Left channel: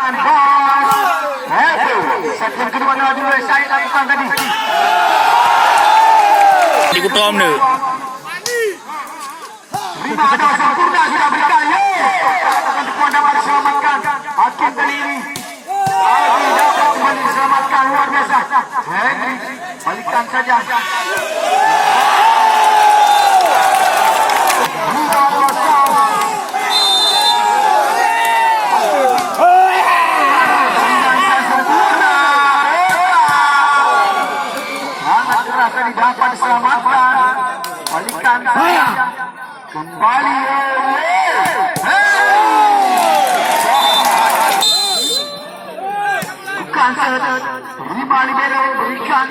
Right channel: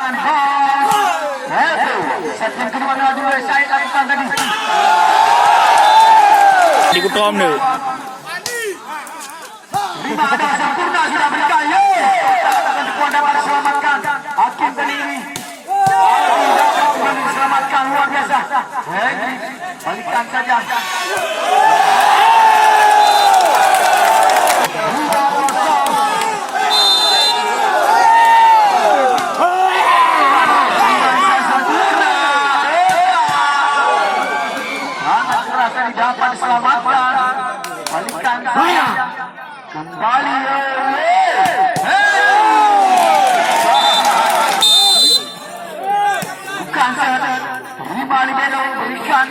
mendapatkan gol. Set kedua dua saya lakukan tadi. Di kutom nih. Lima ada sempurna sudah berikan. Akan dikuat dapat diselamatkan. Hakim kali ini. Aldi dapat kembali diselamatkan luar biasa. Henry balikkan saja. Dapat diselamatkan, balikan saya kembali. Bukan saya terima libero berikan.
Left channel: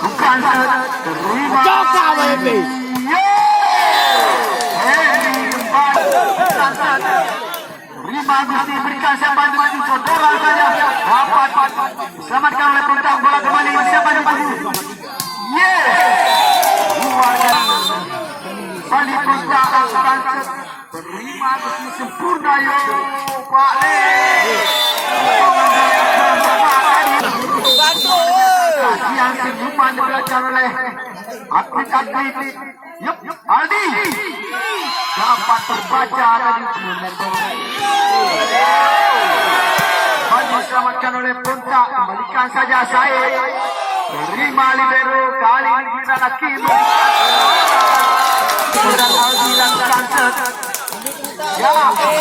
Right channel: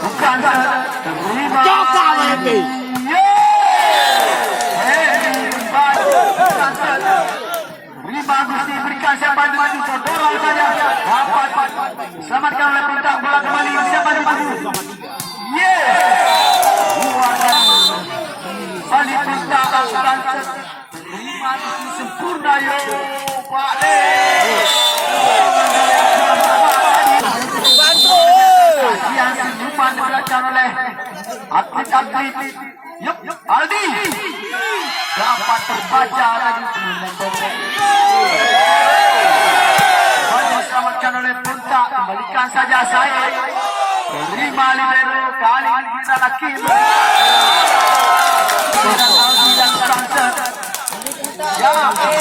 Bukan saya terima. Joka baby. Bagus diberikan siapa itu bola saja dapat diselamatkan oleh Puntang, bola kembali siapa itu Bali Puntang akan terima sempurna yo Pak Le yang senyuman dilakukan oleh atlet-atlet. Aldi dapat terbaca dari diselamatkan oleh Punta, kembalikan saja saya terima libero kali ini kita lagi Aldi dan Francis kali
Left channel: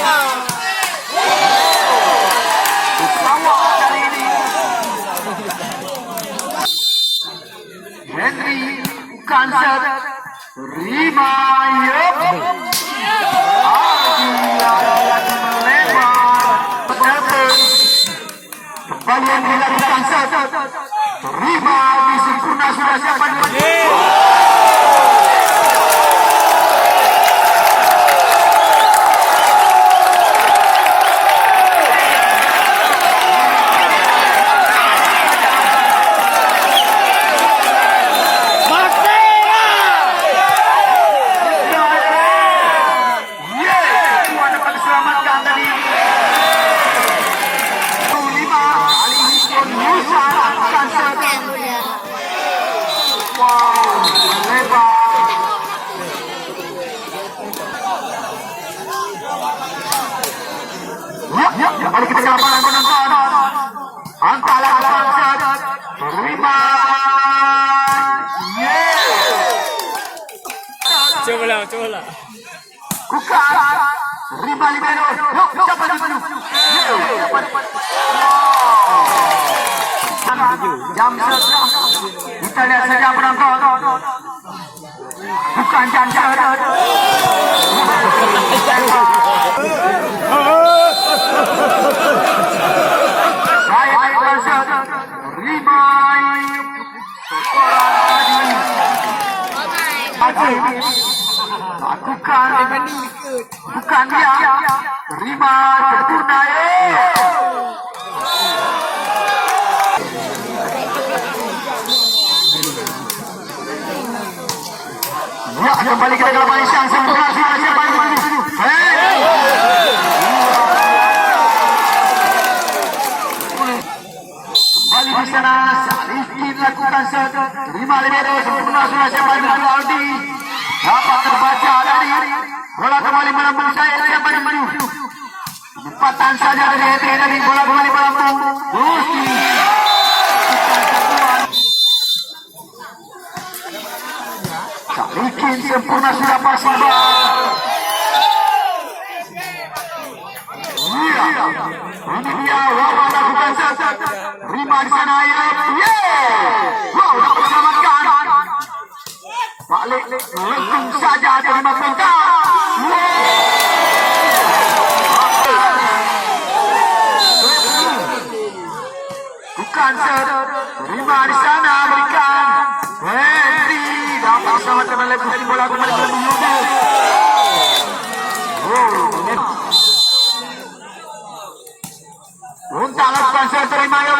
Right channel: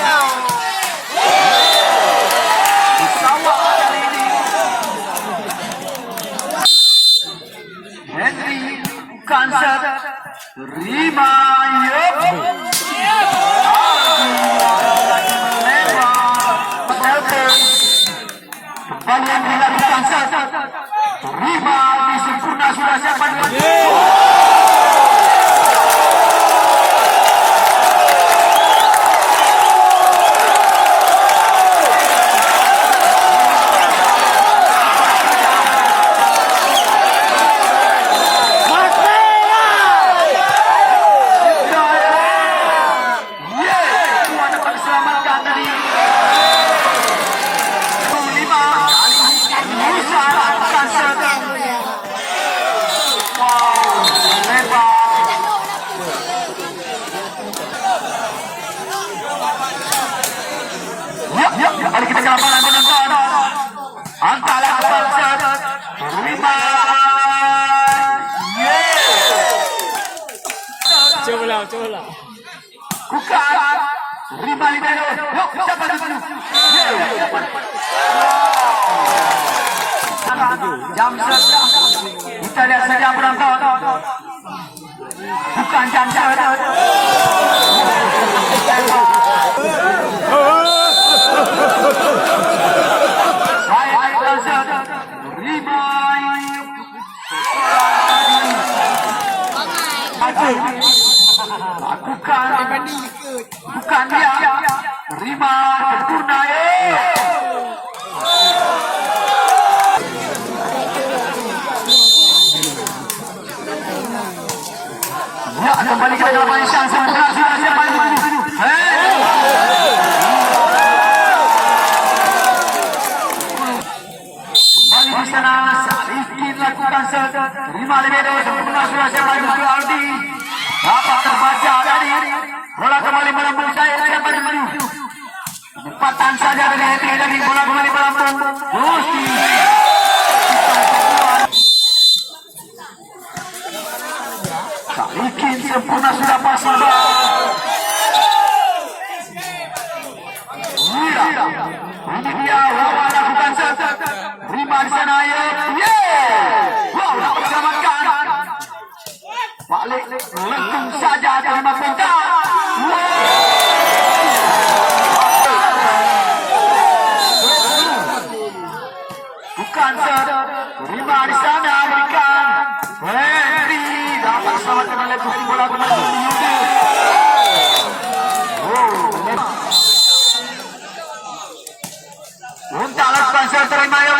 ini Henry Kanser terima kembali yang dilakukan terima disempurna sudah siapa kembali kita ke lapangan penonton. Antara Francis terima. Coba lah. Kuka terima libero. Siapa libero? Jam set. Kita lihat saja penonton. Bukan jam set. Baik Francis terima. Lakukan bukan dia terima sempurna kembali ke lapangan Syah sempurna sudah siapa itu kembali di sana Rifki lakukan terima libero sempurna sudah siapa itu Aldi dapat terbaca tadi bola kembali melambung saya siapa yang empatan saja dari bola kembali melambung Salikin sempurna sudah pasti ini dia Wawa lakukan terima di sana ya wow dapat diselamatkan balik langsung saja terima Punta bukan terima di sana berikan Henry dapat diselamatkan oleh bukti bola kembali Punta lakukan terima ya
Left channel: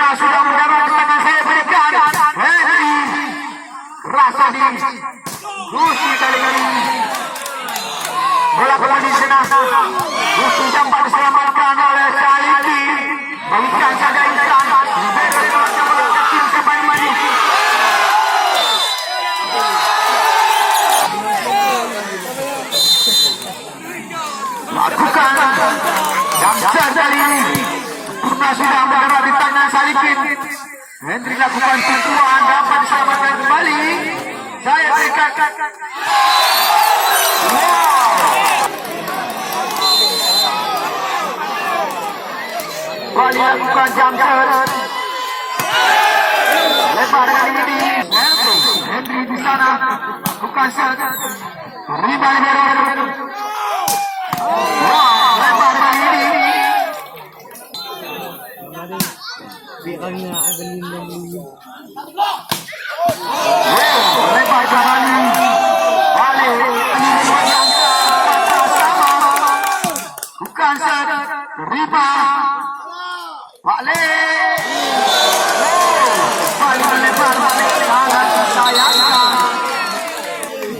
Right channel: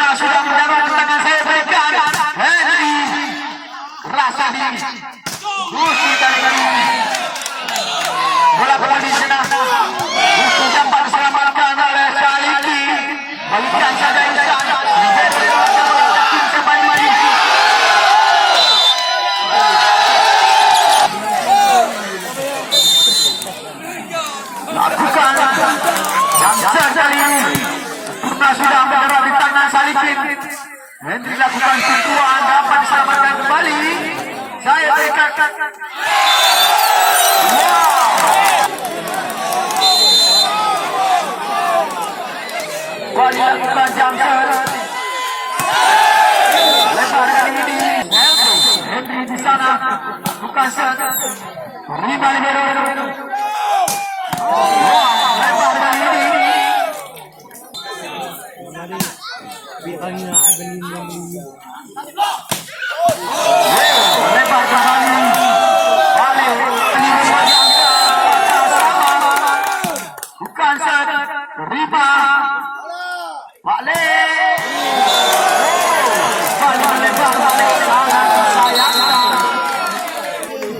Sempurna sudah mendapat tangan saya berikan. Henry Rasadi. Gusti kali ini. Bola bola di sana. Gusti dapat diselamatkan oleh Saliki. Balikan saja Ihsan. Tim sampai maju. Lakukan Jamsar kali ini. Sempurna sudah berada di tangan Salikin. Henry lakukan sentuhan dapat diselamatkan kembali. Saya berikan. Wow. Kali lakukan Jamsar. Lebar kali ini. Henry di sana. Lakukan set. Terima libero. Wow, lebar kali ini. Biarkan nga ay galing ng liyo. Lebar kali ini. Bukan set. Terima. Balik. Balik lebar balik. Sangat disayangkan.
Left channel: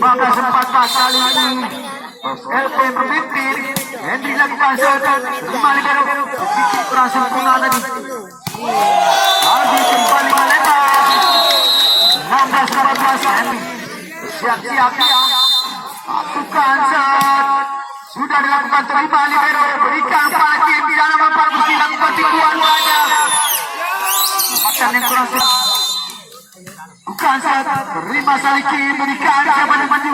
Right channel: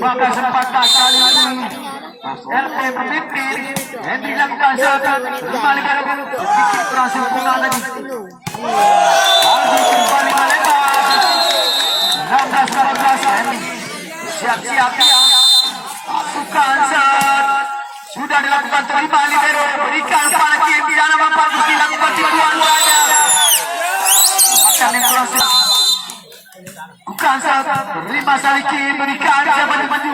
Maka sempat kali ini. LP berpikir. Henry lakukan set. Terima libero. Sedikit kurang sempurna lagi. Lagi kembali lebar. 16-14 Henry. Siap-siap dia. Pasukan set. Sudah dilakukan terima libero. Berikan Salikin. Di dalam empat mesti lakukan tipuan saja. Akan yang kurang set. Bukan set. Terima Salikin. Berikan siapa yang maju.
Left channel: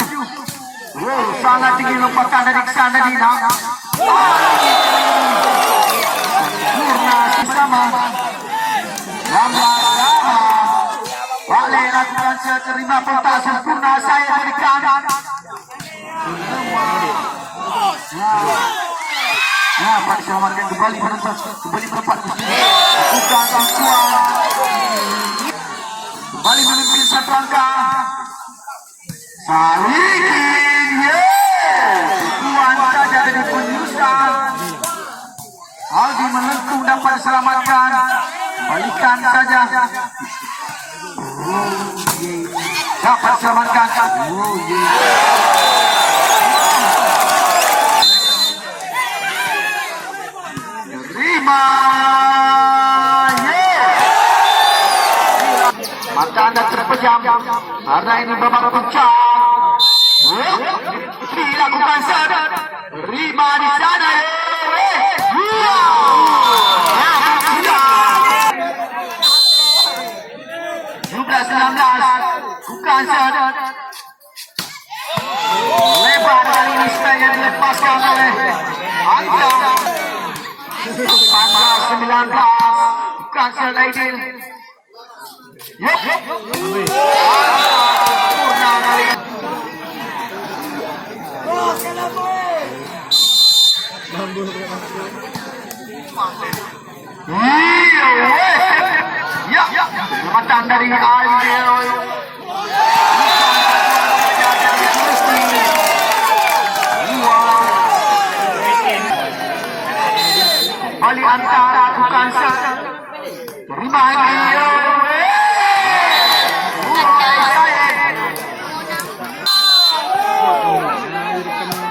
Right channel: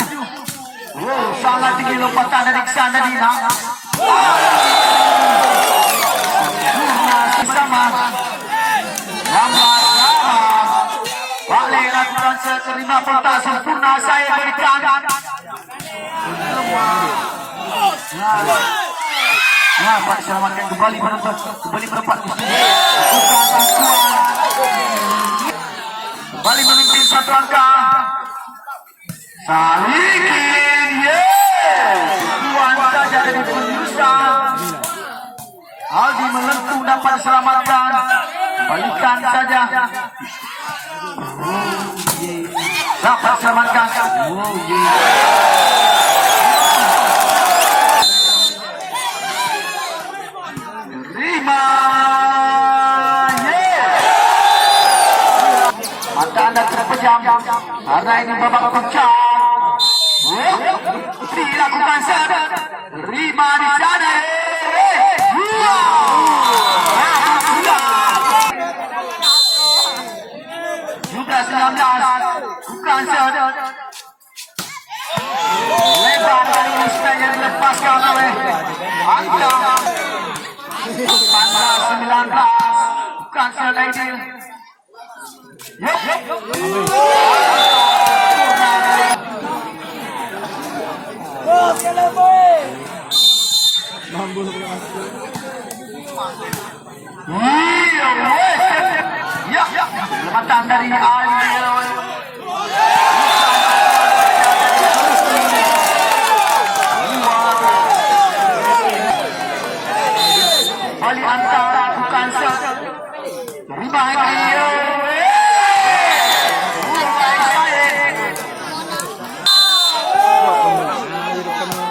Oh, sangat tinggi lompatan dari sana Dina. Sempurna bersama. Balik lakukan set. Terima kontak sempurna. Saya berikan. Nah, Pak selamatkan kembali berempat bukan kemampuan. Kembali memimpin satu angka. Salikin, tuan saja dari penyusupan. Aldi menentu dapat diselamatkan. Balikan saja. Dapat diselamatkan. Mata anda terpejam karena ini babak puncak. Dilakukan sana. Terima di sana. Sudah 19. Bukan sana. Lebar kali ini pengen dilepaskan oleh Anta. 19. Bukan sana ini. Yup. Sempurna kali. Ya, jembatan dari Aldi. Bali antara bukan set. Terima kasih.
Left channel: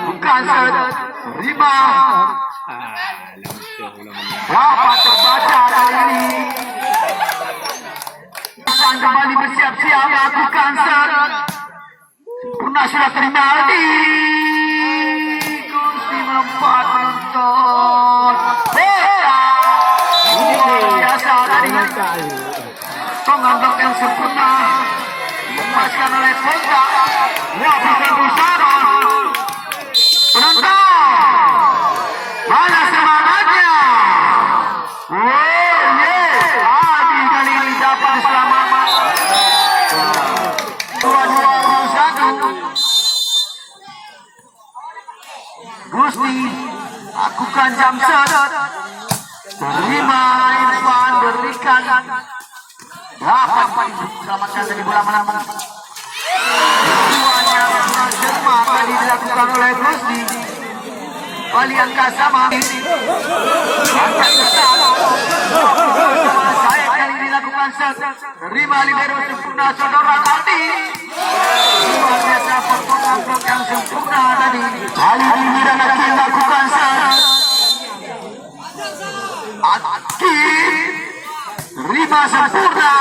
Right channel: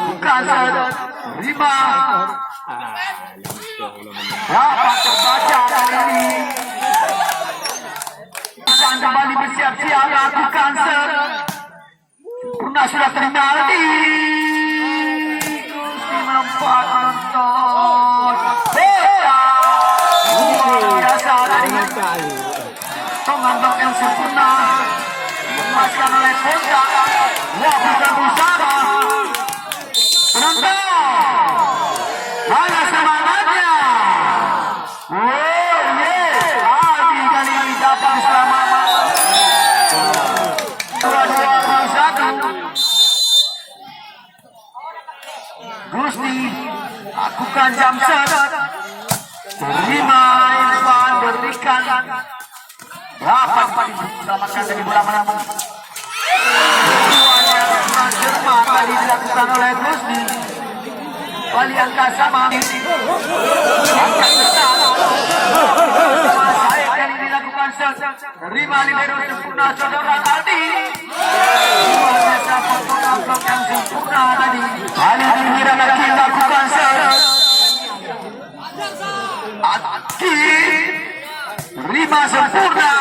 Bukan set. Terima. Dapat terbaca kali ini. Dan kembali bersiap-siap lakukan set. Sempurna sudah terima Aldi. Gusti melompat menonton. Biasa dari penganggap yang sempurna. Melepaskan oleh kontak. Wah, bukan bersama. Penonton. Mana semangatnya? Aldi kali ini dapat diselamatkan. 2-1. Gusti lakukan Jamsar. Terima Irfan berikan. Dapat diselamatkan dari bola mana-mana. Jerman tadi dilakukan oleh Gusti. Bali angka sama. Angka besar. Saya kali Kukansat. Terima libero sempurna saudara Aldi. Luar biasa performa yang sempurna tadi. Kali ini lagi lakukan Aki terima sempurna.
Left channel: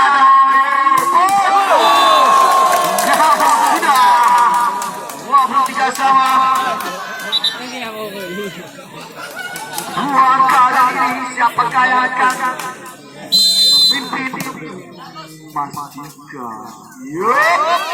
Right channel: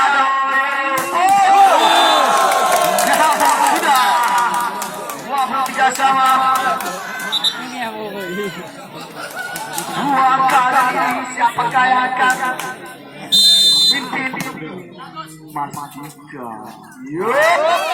Tiga sama. Dua kali siapakah yang akan memimpin Mas Mika? Yuk.